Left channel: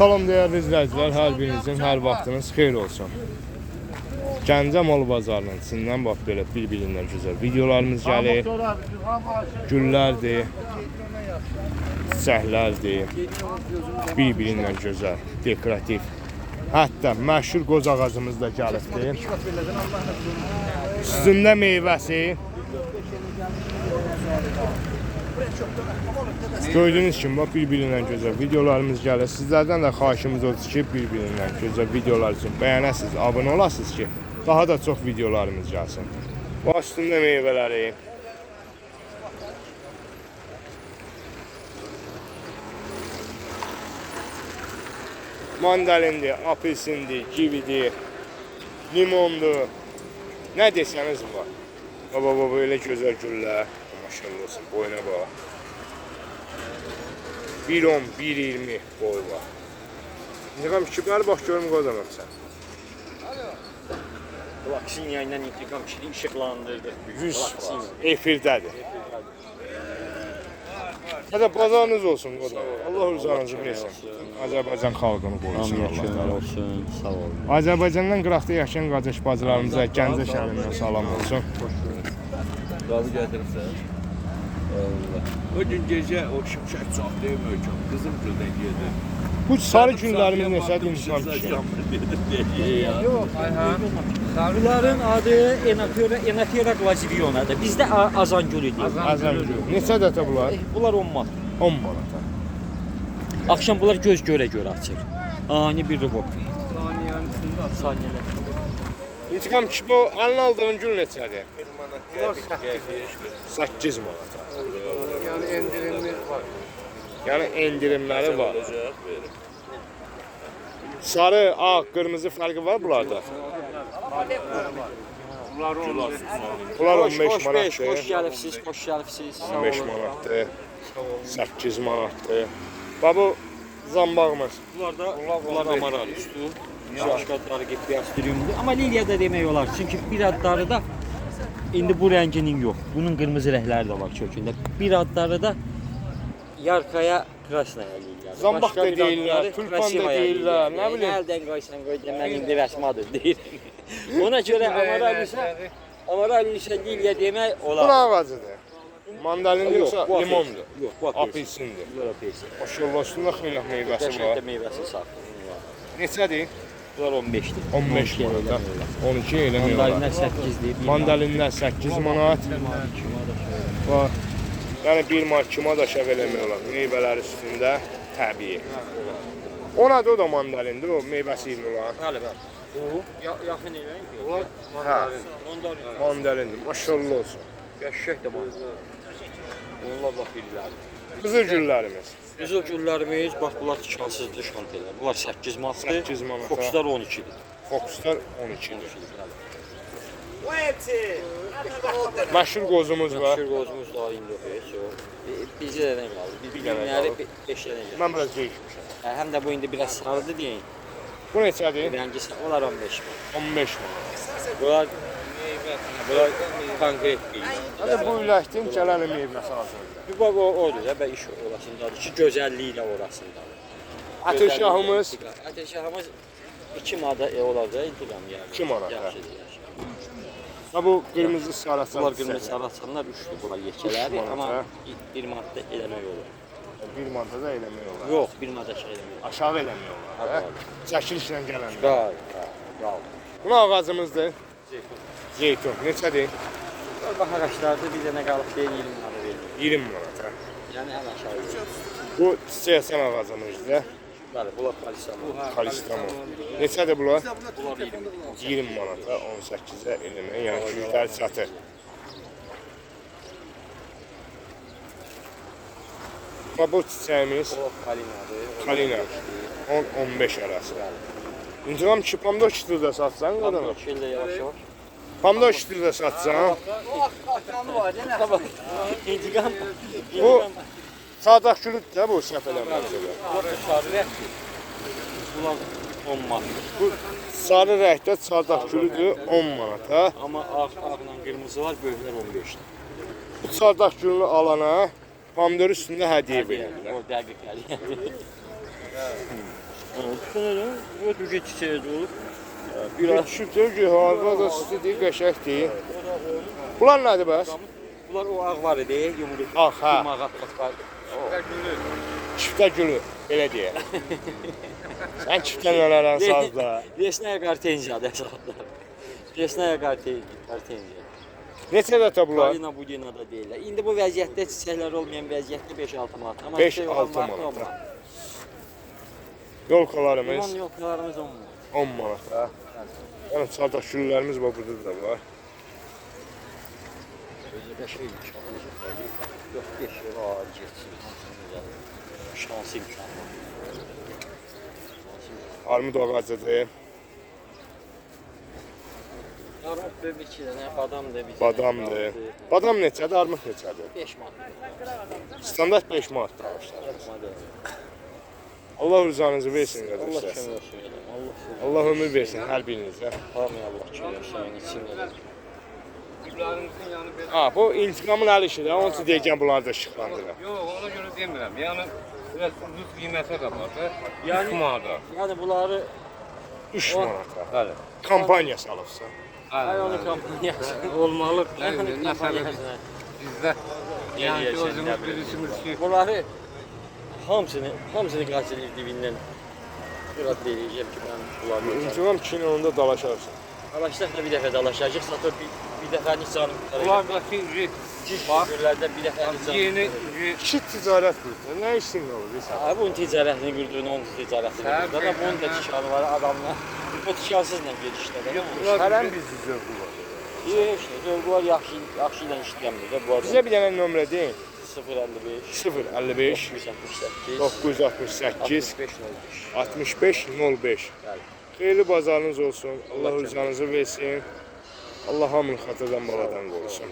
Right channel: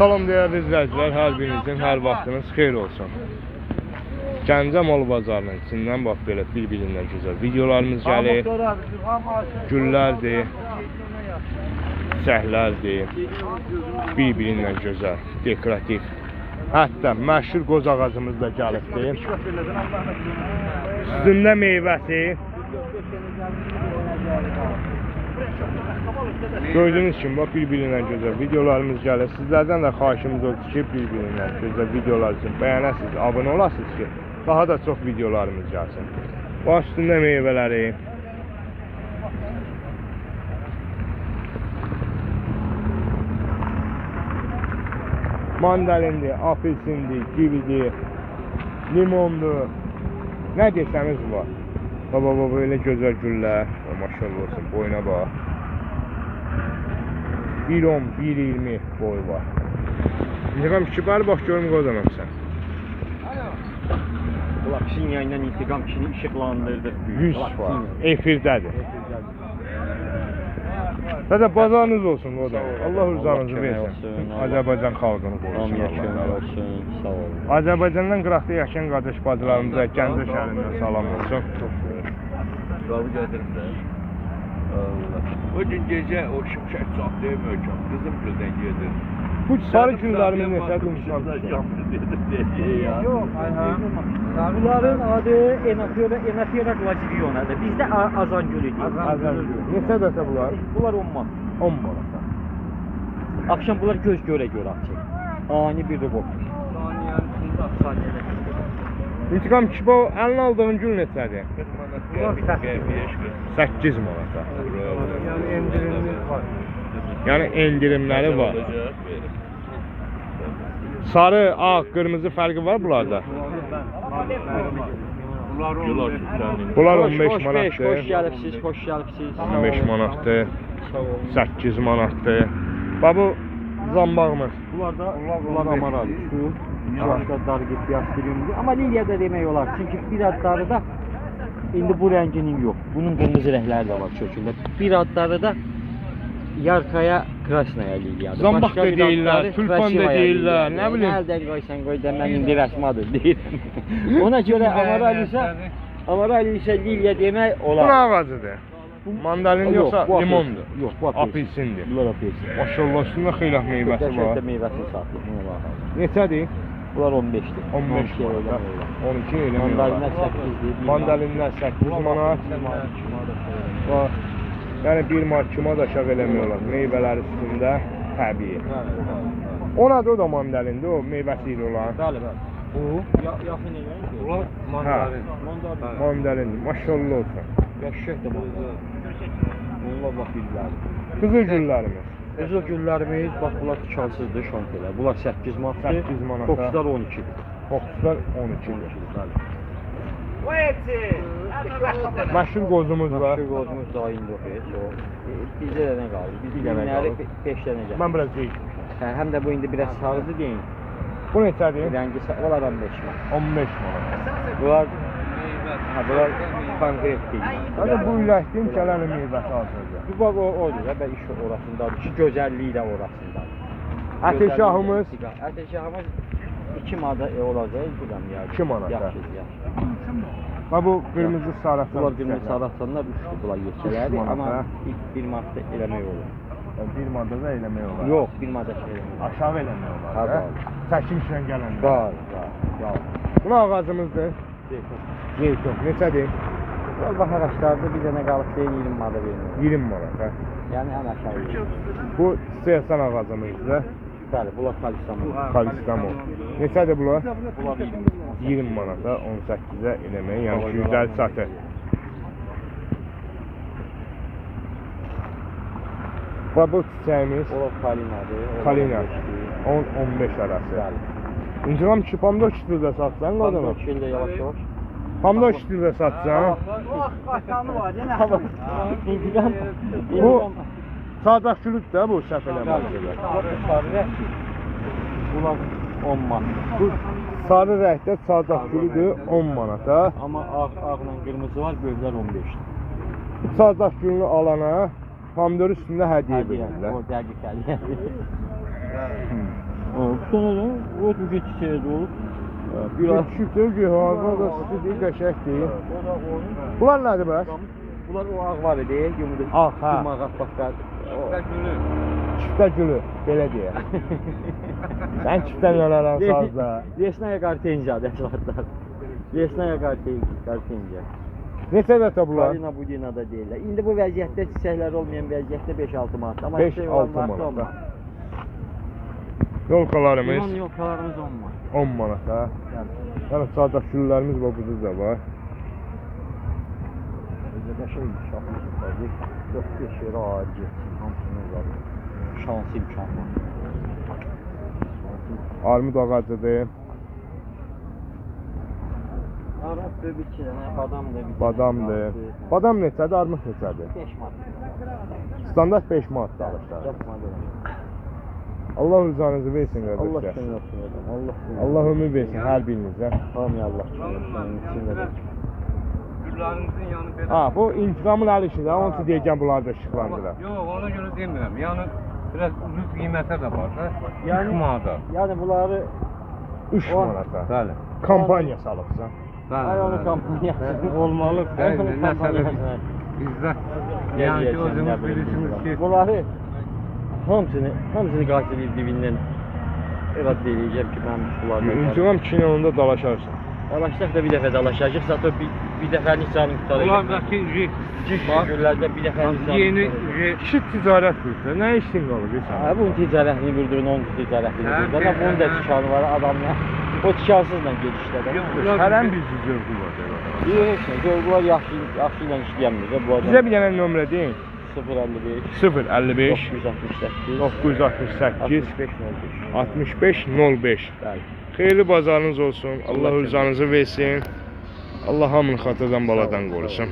Salam değerli izləyicilər, hər birinizin hər vaxtınız xeyir olsun. Gəncə mal bazarının içindən bax belə bir-birindən gözəl videolarımız gəlir. Güllərdir, çiçəklərdir, bir-birindən gözəl, dekorativ. Hətta məşhur qoz ağacımız da gəlibdir. Üstündə meyvəsi. Gördüğünüz kimi bak bir-birindən gözəl videolarımız gəlir. Sizlərdən də xahişimiz odur ki, bir-birindən gözəl videolar üçün bəyənəsiniz, abunə olasınız ki, daha da çox videolarımız gəlsin. Baş üstündə meyvələri. Mandalindir, apelsindir, kividir, limondur. Nə desəniz var. Baba böyle gözəl güllər. Maşallah olsun, boyuna bax. 1.10, 1.20 boy var. İntiqam kişi bax görüm qodanam sən. Laksin yayından intiqam kişini işıqlandırdı. 100 var. Efirdədir. Zaten bazarınız olsun qodanam. Allah rızanızı versin. Azərbaycan xalqını qorusun Allah. Azərbaycandan qıraqda yaşayan qardaş bacılarımıza Gəncə şəhərindən salam olsun. Razı gəldirsən. O gün gecə o şimşək çaxdı möhkəm. Qızım güldən gedir. Bu sarı günlərimiz nəsədir insan kişi? Yox, bunların adı Enafera glazivionadır. Bizdə azangül idi. Azangül. Neçə dəfə bunlar? Bunlar 10 manat. 10 manat. Akşam bunlar göz görə açır. Ani bir rəqəm. Saniyələr. İntiqam kişi bu əlini aldığın gül neçədir? 8 manata. Yani endirimimiz var. Yəni endirimləri var. Sarı, ağ, qırmızı fərqi var bunlarda. Bunlar 15 manatdır. Xoş gəlibsiz, xoş gəlibsiz. 15 manatdır. 8 manatdır. Bax bu zambağımız. Bunlar amaral üstü. Başqa darı gibi göstəriyorum. Amma Liliyada demək olar. Çünki bir adları da indi bu rənginin yox. Bunun qırmızı rəngləri də var kökündə. Bir adları da Yarkaya Krasnaya Liliyada. Zambaq da deyirlər, tulpan da deyirlər, nə bilim. Əldən qoysan qoy da mən indi rəsmadır deyirəm. Ona görə amaral isə Liliya demək Bu olar. nə ağacıdır? Mandalin yoxsa bu limondur? Yox, bu apelsindir. Bunlar apelsin. Maşallah üstündə xeyli meyvəsi Qəşəng var. də meyvəsini saxlı. Buna baxaq. Neçədir? Bunlar 15-dir. 15 manat. 12 elə Mandalinlər 8-dir. Mandalinlər 8 manat. Bax. Yəni 1 manat 2 manat aşağı eləmək olar. Meyvələr üstündə təbii. O nədir o da mandalindir, o meyvəsi ilə olan. Bəli, bəli. Bu Yaxın elə. Ulan mandarin. mandalindir. Maşallah olsun. Qəşəng də bu. Allah bax bilirlər. Qızıl güllərimiz. Qızıl güllərimiz bax bunlar tikansızdır şantelər. Bunlar 8 manatdır. 8 manata. Fokuslar 12-dir. Fokuslar 12'dir. Məşhur qozumuz var. Məşhur qozumuz da indi oxuyur. Bizə də nə qalır? Biz Bir dənə günləri qalır. 5 dənə gəlir. Mən biraz değişmişəm. Həm də bu indi biraz sarıdı deyin. Bu neçədir? Rəngi onlar 15 manat. 15 manat. Bunlar bunlar konkret deyil. Hadi bu iləkdən gələn meyvəsi hazırdır. Bir bax odur da, iş orasındadır ki, gözəlliyi də orasındadır. Əteşahımız Əteşahımız 2 manat olacaq, intiqam yəni. 2 manat, Yaxşıdır, yaxşı. ha bu qırmızı saraçan. Bunlar qırmızı sarıçanlar 3-dür bunlar yekələri, manata. amma 1 manatda eləmək olar. 1 manata da eləmək olar. Yox, 1 manata şey eləmək olar. Aşağı eləmək olar. Hə, hə? Çəkilişlə gələn. Bəli. Bu ağacımızdır. Zeytun. Neçədir? Bunlar bax ağaclarda bir dənə qalıb deyil 20 manata vermək. 20 manat. Hə? Yəni ən aşağı. Bu çiçəksən ağacımızdır. Bəli, bunlar kalistamon. Kalistamon. Neçədir bunlar? Bunlar 20. 20 manata 18-ə eləmək, yəni güclər satır. Və bu çiçəyimiz O kalinadır. Kalina. 10-15 arası. Bəli. İntiqam ki, pomidor kitirdə satsan, qadına. Pomidor şildə yavaş-yavaş. Pomidor kitirdə satsan. İntiqam. Bu sadaq gülüdür də bu səhv eləməkdir. Bunlar 10 manat. Bu sarı rəngdə sadaq gülüdür 10 manata. Amma ağla qırmızı var, böyüklər 15-dir. Bu sadaq gülünü alana pomidor üstündə hədiyyə verirlər. O dəqiq hədiyyə. Bu sənə o tücə çiçəyi də olub. Biraz şütür ki, hava da istidir, qəşəngdir. Bunlar nədir bəs? Bunlar o ağ var idi, yumru. Ağ, hə. Yumağat bax. Çiftə gülü, belə deyək. Sən çiftə nələrən sazda. Lesnaya qartenziyadır əsaslar. Lesnaya qartenziya. Neçə dəfə bunlar? Kalina Budina da deyirlər. İndi bu vəziyyətdə çiçəklər olmayan vəziyyətdə 5-6 manat. Amma 5-6 manat. Yolkalarımız Limon yolkalarımız 10 manat. 10 manat ha. Yəni çardaq güllərimiz bax burada da var. Özü qəşəng şahmat tabii. 4-5 yerə ağır getsin, hamısını uzadır. Şansı imkan var. Armud ağacıdır. Armud da bir iki dənə, badam da bir dənə. Badamdır. Badam neçədir, armud neçədir? 5 manat. Standart 5 manatdır alışlar. 4 manat. Allah rızanızı versin Allah qardaşlar. kömək olsun adam. Allah kömək. Allah ömür versin hər birinizə. Hamıya Allah kömək olsun. İçində də. Ha, bu intiqamın əli işidir. Onun üçün deyəcəm bunları da işıqlandırar. Yox, ona görə demirəm. Yəni biraz ucuz qiymətə də var da. Yəni- 3 manata. Yəni bunları 3 O- manata. Bəli. Kampaniya salıbsan. Ayonu kampaniyası. olmalı. Ayonu kampaniyası. Bizdə Ne yəni ki, diyeceğim, özümüz ne bileyim. bilirsiniz ki, Bunları hamısını qaçırıb dibindən irad eləyəcəm ki, mən bunlardan İntiqam kinonunda dalaşarsın. dalaşsaq da bir dəfə dalaşacaq, zaten bir dəfəlik canım qutaracaq. bunlardakı Günlərdə bir dəfəlik canım yeni qutaracaq. Kişi ticarət qurdu. Nə işin olur sən? Ha, bunun ticarətini qurduğunu, onun ticarətini qurduğunu, ama bunun da tikanı var adamla. O tikansızla gedişdə də. Hərən bir zövqü var. Heç nə, görgü var, yaxşı ilə işləyəmdir də bu Bizə adam. bir dənə nömrə deyin. 055 055 968 968 6505. 6505. Bəli. Xeyirli bazarınız olsun. Allah rızanızı versin. Allah hamını xatırdan baladan qorusun.